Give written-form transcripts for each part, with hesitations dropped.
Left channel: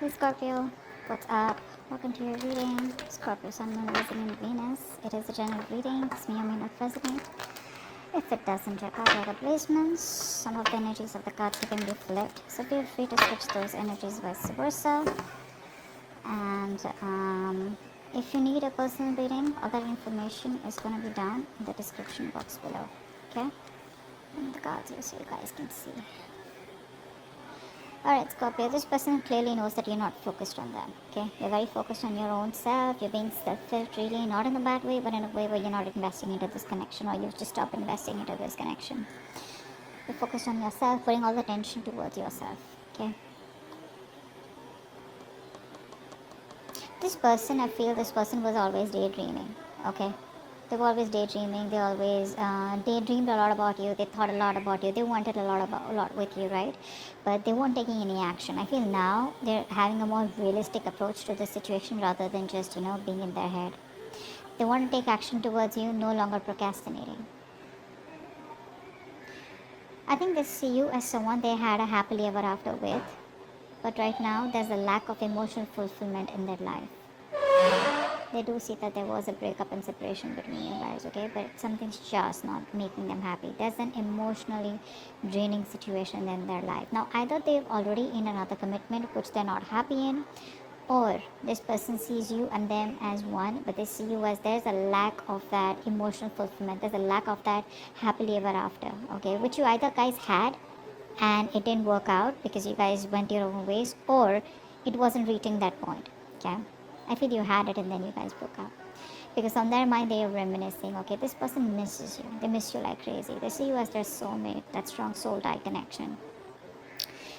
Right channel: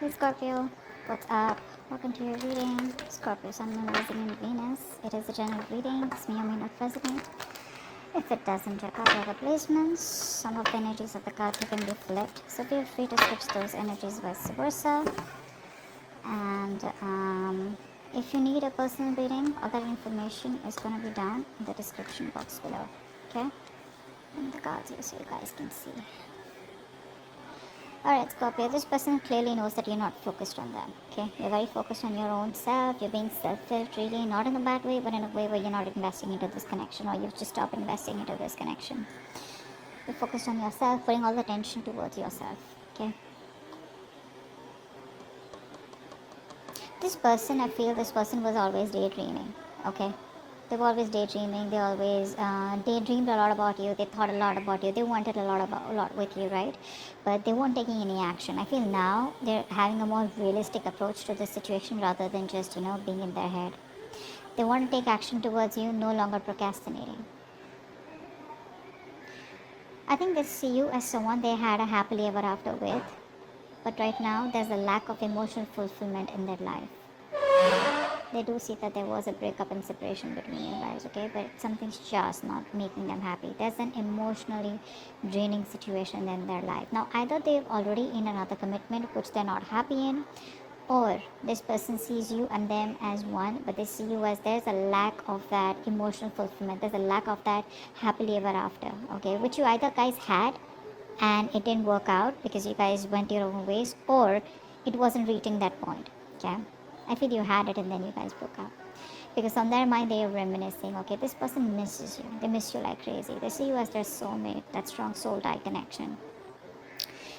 Hey Scorpio, what's up? Welcome to your reading. Scorpio, Sun, Moon, Rising, and Venus. It is a general reading. It's me, only not president. If it doesn't, your card replacements. Some of the energies of the cards can be flipped, so feel free to switch those energies vice versa. And if you need a personal reading, other information is going to be down in the description box below. Okay? And the cards here so you guys can see. Alright, Scorpio, this person clearly knows that you're not focused on them, okay? You're very focused on your own self, you're being selfish, really, not in a bad way, but in a way where you're not investing into this connection, or you've just stopped investing into this connection. You're focused on yourself, putting all the attention towards yourself, okay? This person, I feel this person was always daydreaming, okay? They were always daydreaming, they always daydreamed a lot about you, they thought a lot about you, they wanted a lot with you, right? But they weren't taking any action. I feel now they're having a more realistic approach to the situation rather than just, being in their head. They want to take action towards you, no longer procrastinating. I think they see you as someone they had a happily ever after with, but right now there's a lack of emotional fulfillment in their life. They do see that there was a breakup and separation between you guys, okay? But something's just not making them happy. There's an emotionally draining situation in their life. Now, either they're already in another commitment which they're not happy in, or this person sees you and them as one, but they see you as there's a lack of that emotional fulfillment. There's a lack of that happily ever after, okay? Which you either guys had and it didn't work out because you guys went your own ways, or it wasn't reaching that point, okay? I feel you had it and then you guys broke up. Because on their mind they are reminiscing, okay, this person misses you. They miss you like crazy. They see you as their soulmate, that strong soul tie connection.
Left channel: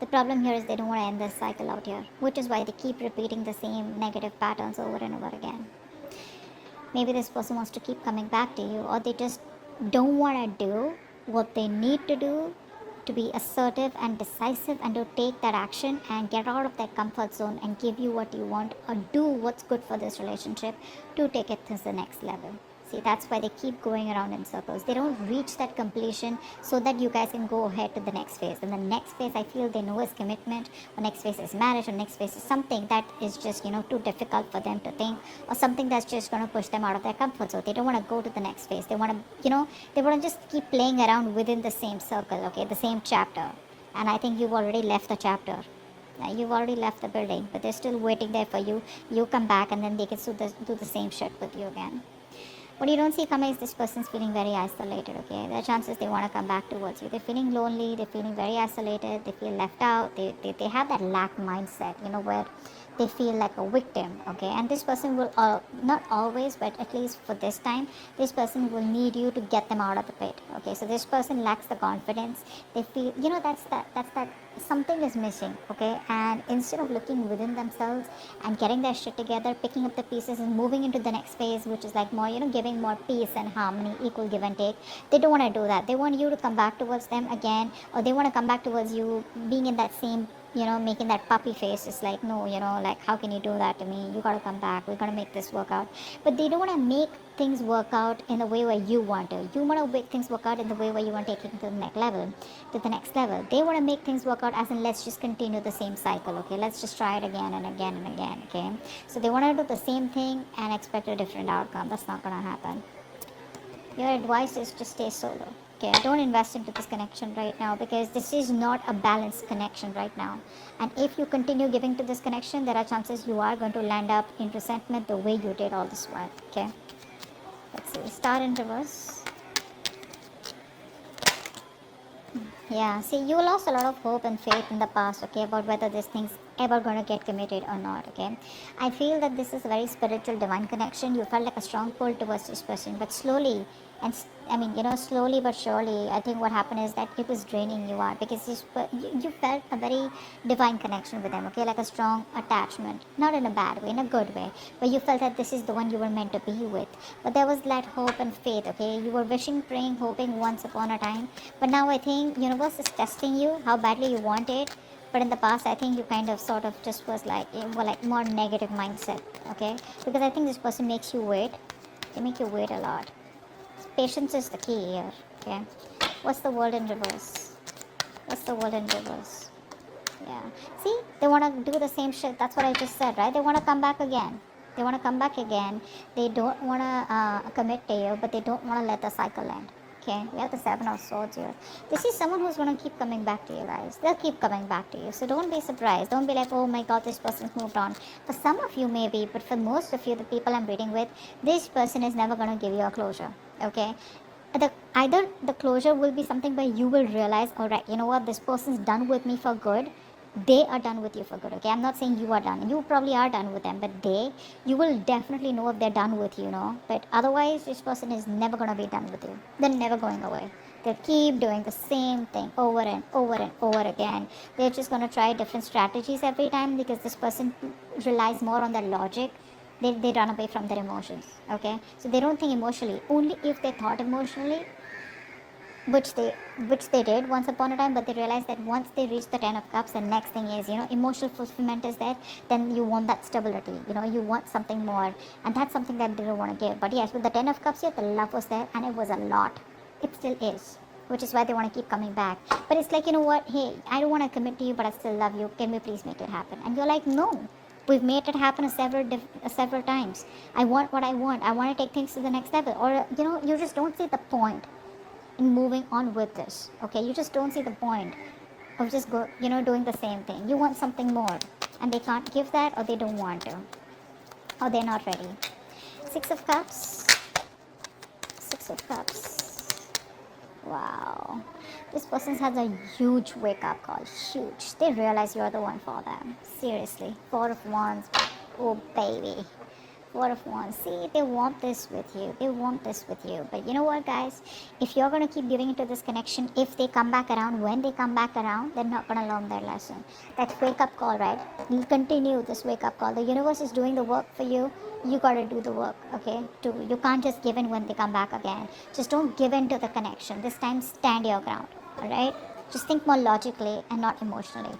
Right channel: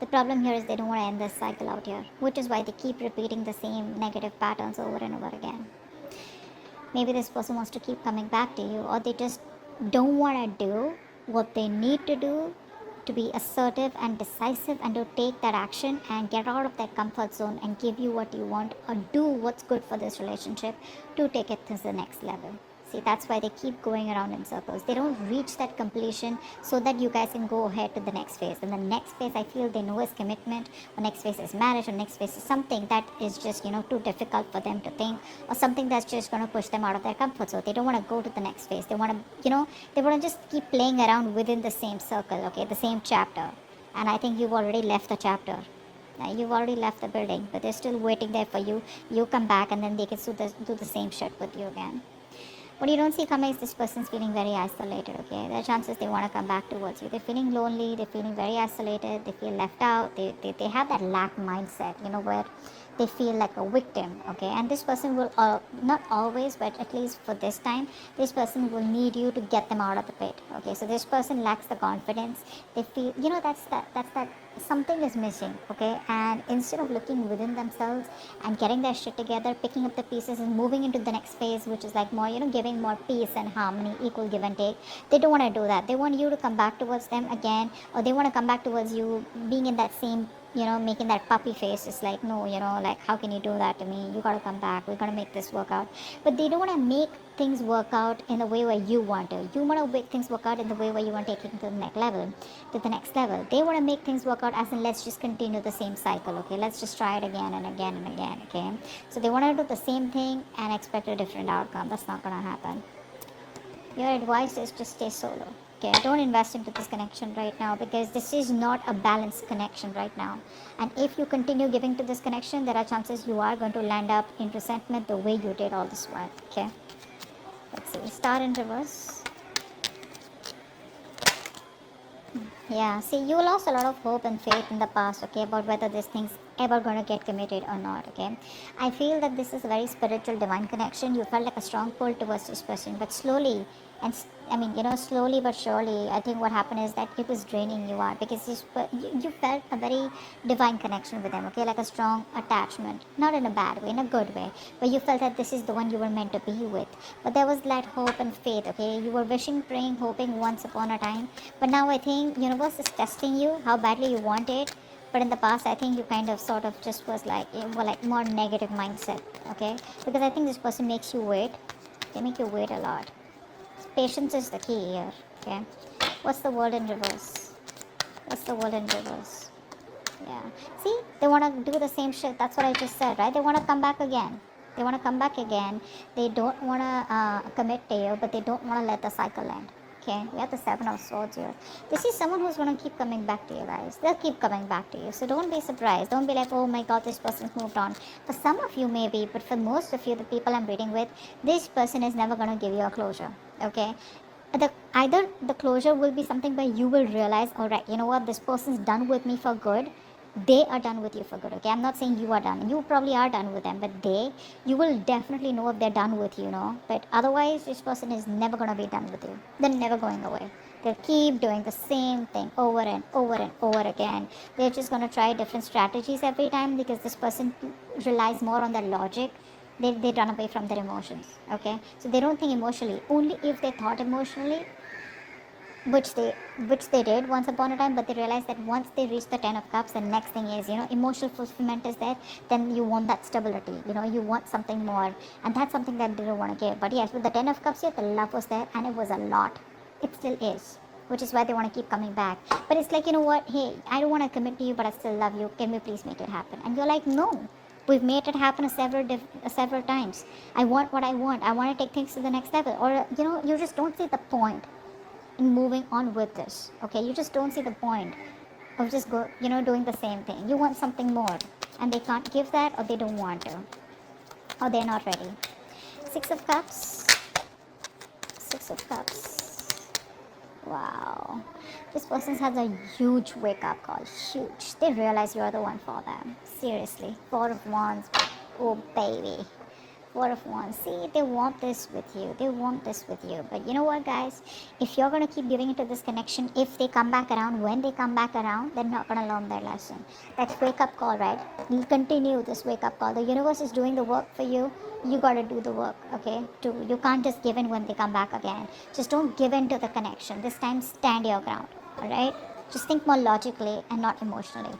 The problem here is they don't want to end this cycle out here, which is why they keep repeating the same negative patterns over and over again. Maybe this person wants to keep coming back to you, or they just don't want to do what they need to do to be assertive and decisive and to take that action and get out of that comfort zone and give you what you want or do what's good for this relationship to take it to the next level. See, that's why they keep going around in circles. They don't reach that completion so that you guys can go ahead to the next phase. And the next phase, I feel they know is commitment, or next phase is marriage, or next phase is something that is just, too difficult for them to think, or something that's just going to push them out of their comfort zone. They don't want to go to the next phase. They want to, they want to just keep playing around within the same circle, okay, the same chapter. And I think you've already left the chapter. You've already left the building, but they're still waiting there for you. You come back and then they can do the same shit with you again. What you don't see coming is this person's feeling very isolated, okay? There are chances they want to come back towards you. They're feeling lonely, they're feeling very isolated, they feel left out, they have that lack mindset, where they feel like a victim, okay? And this person will, not always, but at least for this time, this person will need you to get them out of the pit, okay? So this person lacks the confidence. They feel, that's that something is missing, okay? And instead of looking within themselves and getting their shit together, picking up the pieces and moving into the next phase, which is like more, giving more peace and harmony, equal give and take, they don't want to do that. They want you to come back towards them again, or they want to come back towards you being in that same, making that puppy face. It's like, no, like, how can you do that to me? You gotta come back, we're gonna make this work out. But they don't want to make things work out in the way where you want to. You want to make things work out in the way where you want to take it to the next level. They want to make things work out as in, let's just continue the same cycle, okay? Let's just try it again and again and again, okay? So they want to do the same thing and expect a different outcome. That's not gonna happen. Your advice is to stay solo. Okay, don't invest into this connection right now, because this is not a balanced connection right now. And if you continue giving to this connection, there are chances you are going to land up in resentment the way you did all this while. Okay, let's see. Star in reverse. Yeah, see, you lost a lot of hope and faith in the past, okay, about whether this thing's ever going to get committed or not, okay? I feel that this is a very spiritual, divine connection. You felt like a strong pull towards this person, but slowly, slowly but surely, I think what happened is that it was draining you out, because you felt a very divine connection with them, okay, like a strong attachment, not in a bad way, in a good way, but you felt that this is the one you were meant to be with. But there was that hope and faith, okay? You were wishing, praying, hoping once upon a time, but now I think universe is testing you, how badly you want it. But in the past, I think you kind of sort of just was like, more negative mindset, okay? Because I think this person makes you wait. They make you wait a lot. Patience is the key here, okay? What's the word in reverse? Yeah, Yeah. See, they want to do the same shit. That's what I just said, right? They want to come back again. They want to come back again. They don't want to commit to you, but they don't want to let the cycle end. Okay, we have the Seven of Swords here. This is someone who's going to keep coming back to you guys. They'll keep coming back to you. So don't be surprised. Don't be like, oh my god, this person's moved on. For some of you maybe, but for most of you, the people I'm reading with, this person is never going to give you a closure. Okay? Either the closure will be something where you will realize, alright, you know what, this person's done with me for good. They are done with you for good, okay? I'm not saying you are done. You probably are done with them, but you will definitely know if they're done with you, know? But otherwise, this person is never going to be done with you. They're never going away. They'll keep doing the same thing over and over and over again. They're just going to try different strategies every time because this person relies more on their logic. Then they run away from their emotions, okay? So they don't think emotionally. Only if they thought emotionally, which they did once upon a time, but they realized that once they reach the 10 of cups, the next thing is, emotional fulfillment is there. Then you want that stability, you want something more, and that's something that they don't want to give. But yes, with the 10 of cups here, the love was there, and it was a lot. It still is, which is why they want to keep coming back. But it's like, you know what, hey, I don't want to commit to you, but I still love you. Can we please make it happen? And you're like, no, we've made it happen several times. I want what I want. I want to take things to the next level. Or, you just don't see the point in moving on with this. Okay, you just don't see the point of just doing the same thing. You want something more, and they can't give that, or they don't want to, or they're not ready. 6 of cups. 6 of cups. Wow. This person has a huge wake-up call. Huge. They realize you're the one for them. Seriously. 4 of Wands. Oh, baby. 4 of Wands. See, they want this with you. They want this with you. But you know what, guys? If you're going to keep giving it to this connection, if they come back around, when they come back around, they're not going to learn their lesson. That's wake-up call, right? You continue this wake-up call. The universe is doing the work for you. You got to do the work, okay? You can't just give in when they come back again. Just don't give in to the connection. This time, stand your ground, all right? Just think more logically and not emotionally.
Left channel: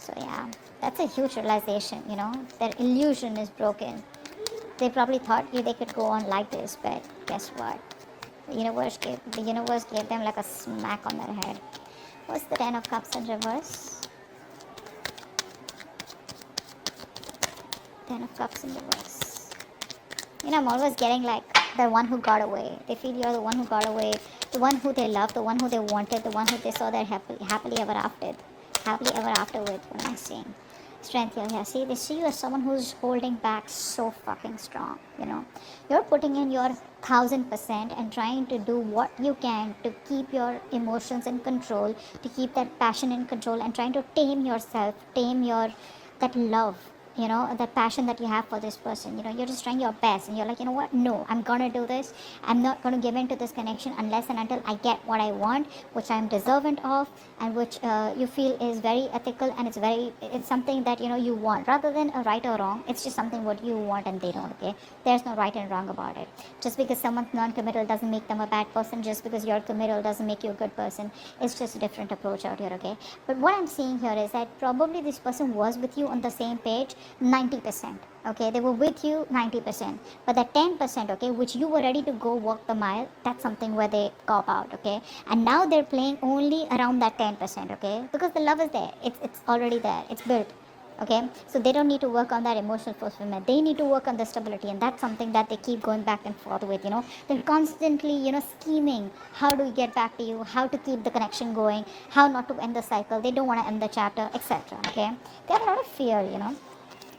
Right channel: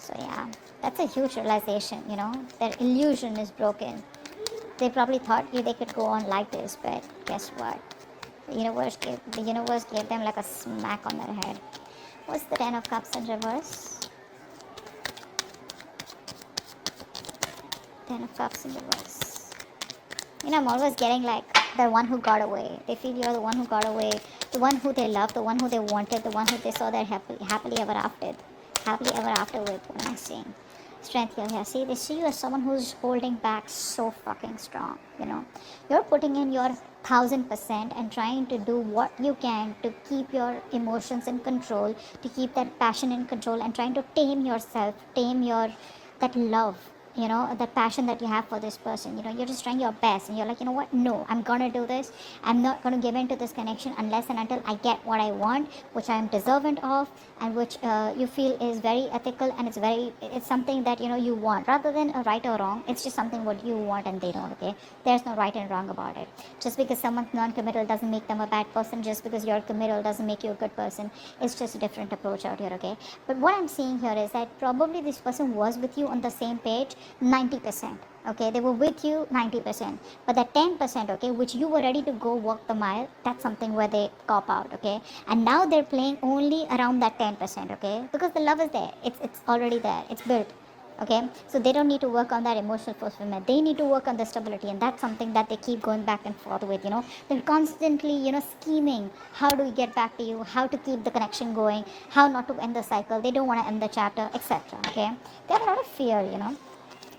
So yeah, that's a huge realization, their illusion is broken. They probably thought they could go on like this, but guess what? The universe gave them like a smack on their head. What's the 10 of cups in reverse? 10 of cups in reverse. I'm always getting like the one who got away. They feel you're the one who got away, the one who they loved, the one who they wanted, the one who they saw their happily ever after with. What I'm saying. Strength here. See, they see you as someone who's holding back so fucking strong. You're putting in your 1000% and trying to do what you can to keep your emotions in control, to keep that passion in control, and trying to tame yourself, that love. That passion that you have for this person. You're just trying your best, and you're like, you know what? No, I'm gonna do this. I'm not gonna give in to this connection unless and until I get what I want, which I'm deserving of, and which you feel is very ethical, and it's something that you want, rather than a right or wrong. It's just something what you want, and they don't. Okay, there's no right and wrong about it. Just because someone's non-committal doesn't make them a bad person. Just because you're committal doesn't make you a good person. It's just a different approach out here. Okay, but what I'm seeing here is that probably this person was with you on the same page 90%. Okay, they were with you 90%, but the 10%, okay, which you were ready to go walk the mile, that's something where they cop out. Okay, and now they're playing only around that 10%. Okay, because the love is there, it's already there, it's built. Okay, so they don't need to work on that emotional fulfillment. They need to work on the stability, and that's something that they keep going back and forth with. They're constantly scheming how do we get back to you, how to keep the connection going, how not to end the cycle. They don't want to end the chapter, etc. Okay, they have a lot of fear.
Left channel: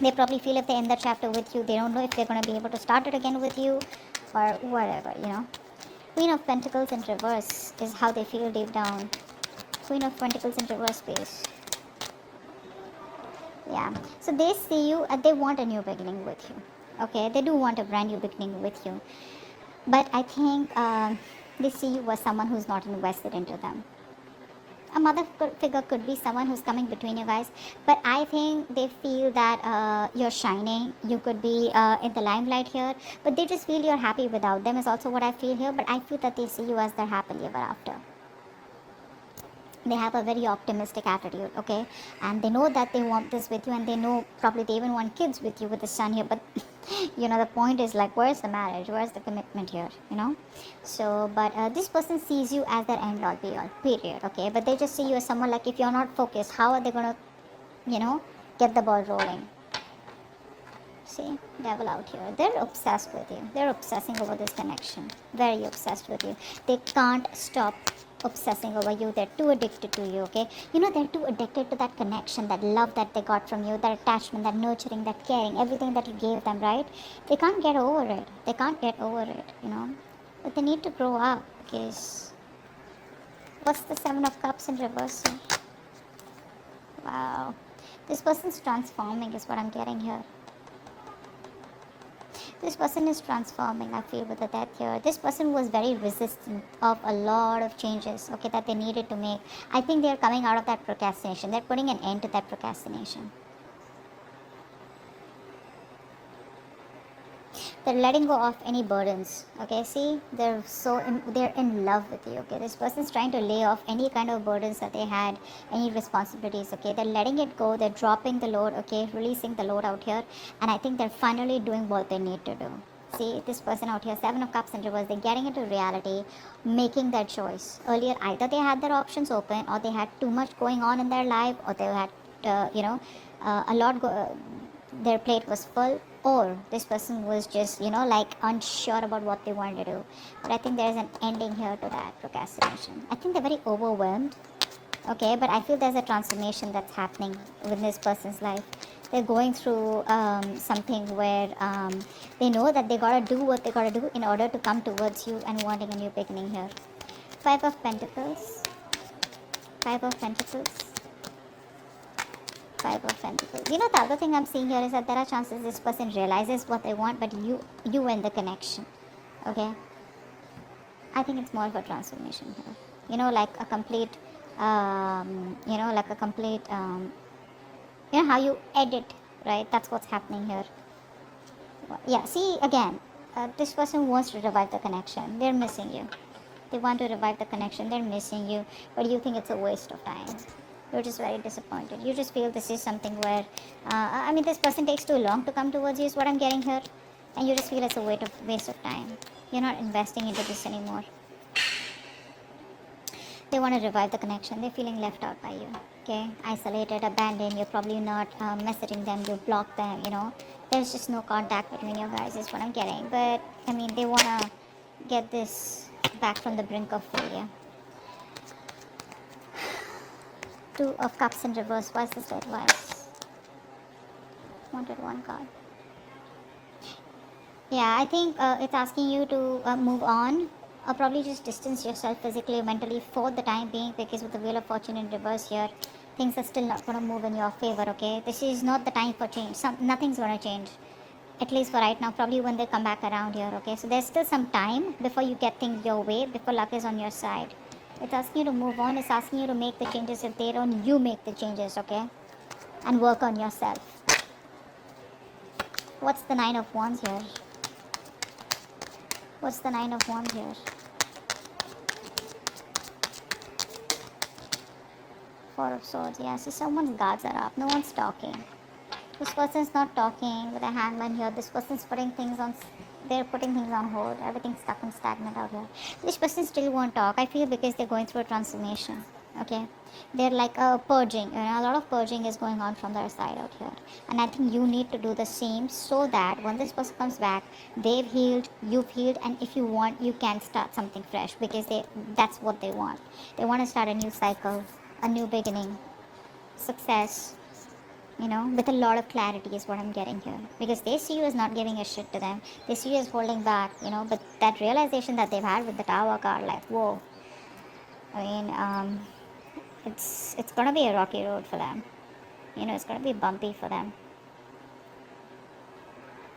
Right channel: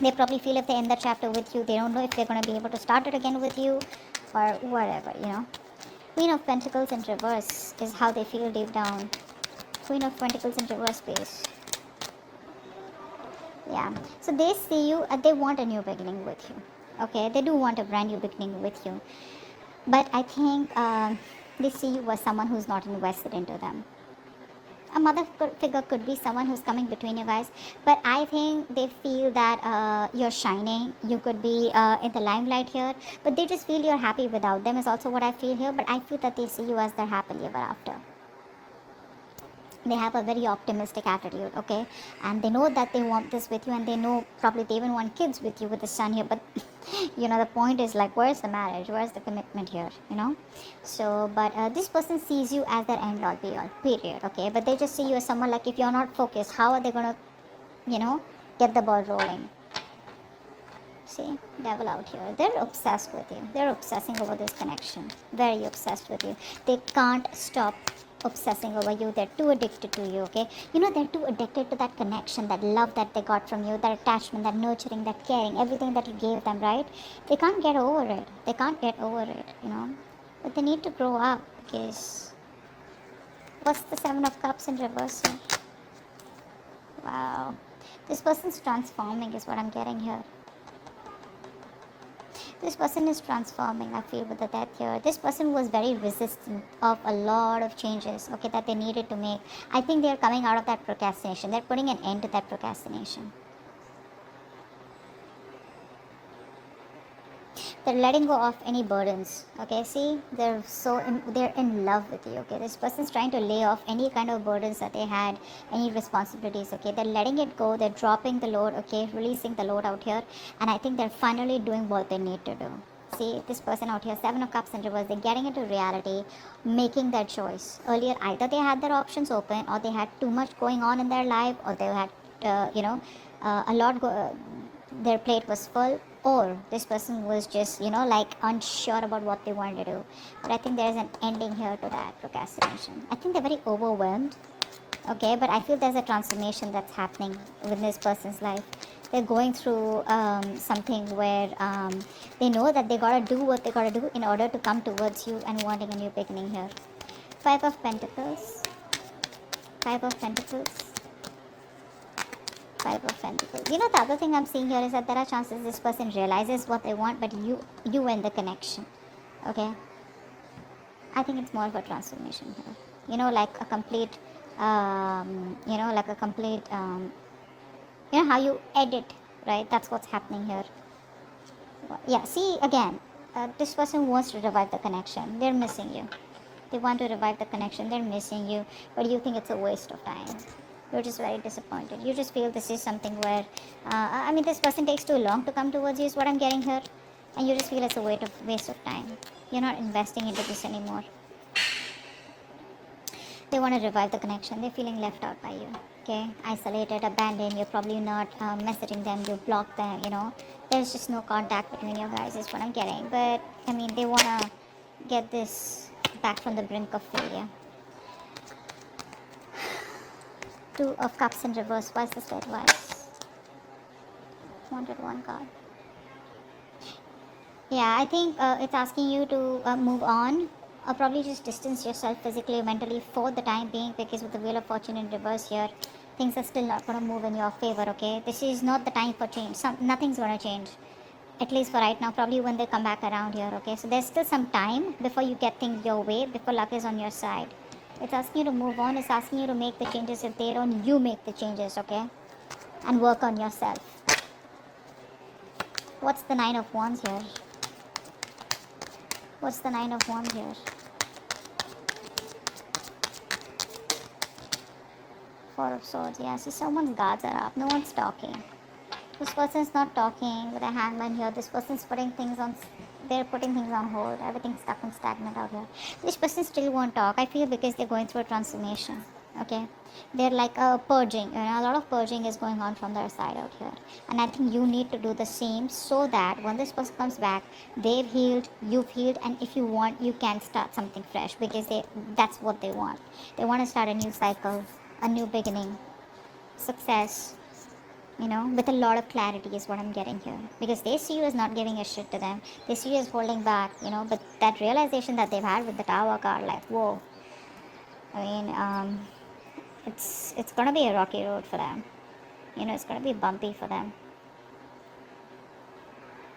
They probably feel if they end the chapter with you, they don't know if they're going to be able to start it again with you, or whatever. Queen of Pentacles in reverse is how they feel deep down. Queen of Pentacles in reverse, please. Yeah, so they see you and they want a new beginning with you. Okay, they do want a brand new beginning with you, but I think they see you as someone who's not invested into them. A mother figure could be someone who's coming between you guys, but I think they feel that you're shining. You could be in the limelight here, but they just feel you're happy without them is also what I feel here. But I feel that they see you as their happily ever after. They have a very optimistic attitude, okay, and they know that they want this with you, and they know probably they even want kids with you with the son here. But the point is like, where's the marriage, where's the commitment here, so but this person sees you as their end all be all, period, okay, but they just see you as someone like, if you're not focused, how are they gonna get the ball rolling? See, devil out here. They're obsessed with you. They're obsessing over this connection. Very obsessed with you. They can't stop obsessing over you. They're too addicted to you, okay? They're too addicted to that connection, that love that they got from you, that attachment, that nurturing, that caring, everything that you gave them, right? They can't get over it. They can't get over it. But they need to grow up, guys. What's the Seven of Cups in reverse? Wow. This person's transforming is what I'm getting here. This person is transforming, I feel, with the death here. This person was very resistant of a lot of changes, okay, that they needed to make. I think they're coming out of that procrastination. They're putting an end to that procrastination. They're letting go of any burdens, okay? See, they're in love with you, okay? This person's trying to lay off any kind of burdens that they had, any responsibilities, okay? They're letting it go. They're dropping the load, okay? Releasing the load out here, and I think they're finally doing what they need to do. See, this person out here, Seven of Cups in reverse, they're getting into reality, making their choice. Earlier, either they had their options open, or they had too much going on in their life, or they had, a lot their plate was full, or this person was just like unsure about what they wanted to do. But I think there is an ending here to that procrastination. I think they're very overwhelmed, okay, but I feel there's a transformation that's happening within this person's life. They're going through something where they know that they gotta do what they gotta do in order to come towards you and wanting a new beginning here. Five of Pentacles. Five of Pentacles. Five of Pentacles. The other thing I'm seeing here is that there are chances this person realizes what they want, but you end the connection. Okay? I think it's more of a transformation here. Like a complete, how you edit, right? That's what's happening here. Yeah, see, again, this person wants to revive the connection. They're missing you. They want to revive the connection. They're missing you, but you think it's a waste of time. You're just very disappointed. You just feel this is something where, this person takes too long to come towards you is what I'm getting here. And you just feel it's a waste of time. You're not investing into this anymore. They want to revive the connection. They're feeling left out by you. Okay? Isolated, abandoned. You're probably not messaging them. You block them, There's just no contact between you guys is what I'm getting. But, they want to get this back from the brink of failure. Two of Cups in reverse. Why is this advice? Wanted one card. Yeah, I think it's asking you to move on, or probably just distance yourself physically, mentally for the time being, because with the Wheel of Fortune in reverse here, things are still not going to move in your favor, okay? This is not the time for change. Nothing's going to change. At least for right now, probably when they come back around here, okay? So there's still some time before you get things your way, before luck is on your side. It's asking you to move on. It's asking you to make the changes. If they don't, you make the changes, okay? And work on yourself. What's the Nine of Wands here? What's the Nine of Wands here? Four of Swords, yes. So someone's guards are up. No one's talking. This person's not talking with a hangman here. This person's putting things on... They're putting things on hold. Everything's stuck and stagnant out here. This person still won't talk. I feel because they're going through a transformation. Okay? They're like purging. A lot of purging is going on from their side out here. And I think you need to do the same so that when this person comes back, they've healed, you've healed, and if you want, you can start something fresh because that's what they want. They want to start a new cycle, a new beginning, success. With a lot of clarity is what I'm getting here. Because they see you as not giving a shit to them. They see you as holding back, but that realization that they've had with the Tower card, like, whoa. It's gonna be a rocky road for them. It's gonna be bumpy for them.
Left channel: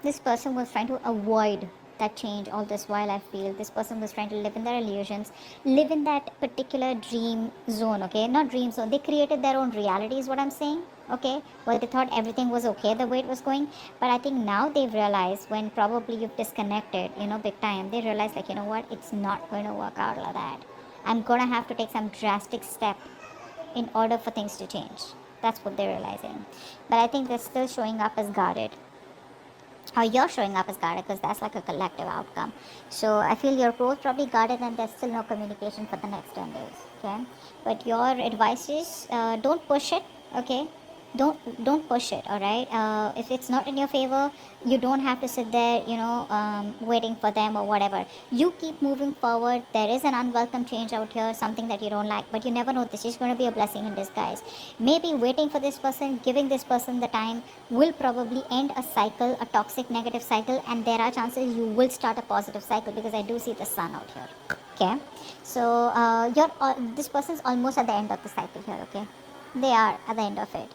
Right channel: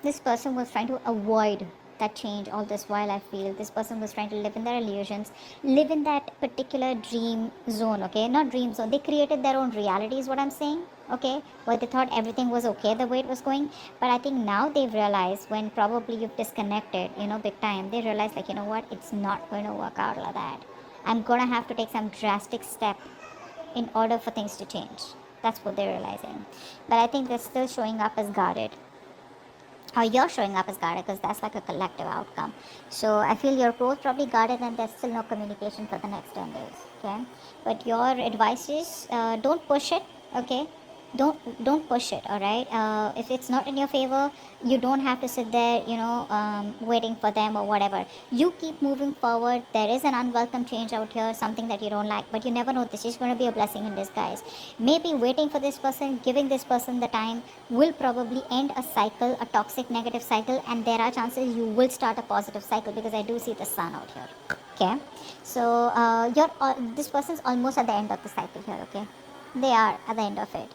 This person was trying to avoid that change all this while. I feel this person was trying to live in their illusions, live in that particular dream zone, okay? Not dream zone. They created their own reality is what I'm saying. Okay, well, they thought everything was okay the way it was going, but I think now they've realized when probably you've disconnected, big time, they realize like, what, it's not going to work out like that. I'm gonna have to take some drastic step in order for things to change. That's what they're realizing. But I think they're still showing up as guarded. Or you're showing up as guarded because that's like a collective outcome. So I feel you're both probably guarded and there's still no communication for the next 10 days. Okay? But your advice is don't push it, okay? Don't push it, alright? If it's not in your favor, you don't have to sit there, waiting for them or whatever. You keep moving forward. There is an unwelcome change out here, something that you don't like, but you never know. This is going to be a blessing in disguise. Maybe waiting for this person, giving this person the time, will probably end a cycle, a toxic negative cycle, and there are chances you will start a positive cycle because I do see the sun out here. Okay, so this person's almost at the end of the cycle here. Okay, they are at the end of it.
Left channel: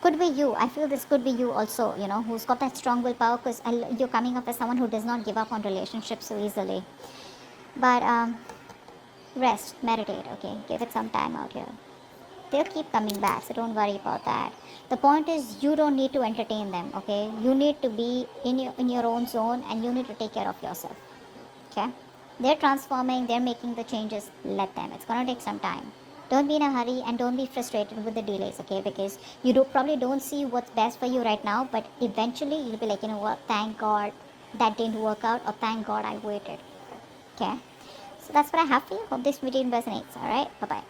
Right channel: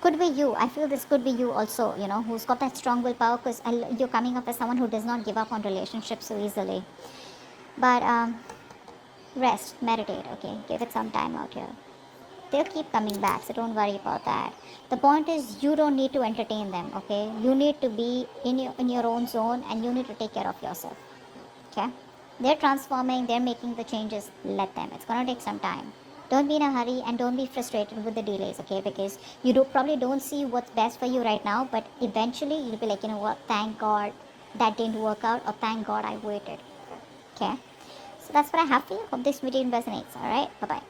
Could be you. I feel this could be you also, who's got that strong willpower, because you're coming up as someone who does not give up on relationships so easily. But rest, meditate, okay? Give it some time out here. They'll keep coming back, so don't worry about that. The point is, you don't need to entertain them, okay? You need to be in your own zone, and you need to take care of yourself, okay? They're transforming, they're making the changes, let them. It's gonna take some time. Don't be in a hurry and don't be frustrated with the delays, okay? Because you probably don't see what's best for you right now, but eventually you'll be like, you know what, thank God that didn't work out, or thank God I waited, okay? So that's what I have for you. Hope this video resonates, alright? Bye-bye.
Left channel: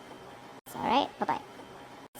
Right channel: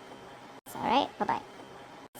Alright, bye-bye.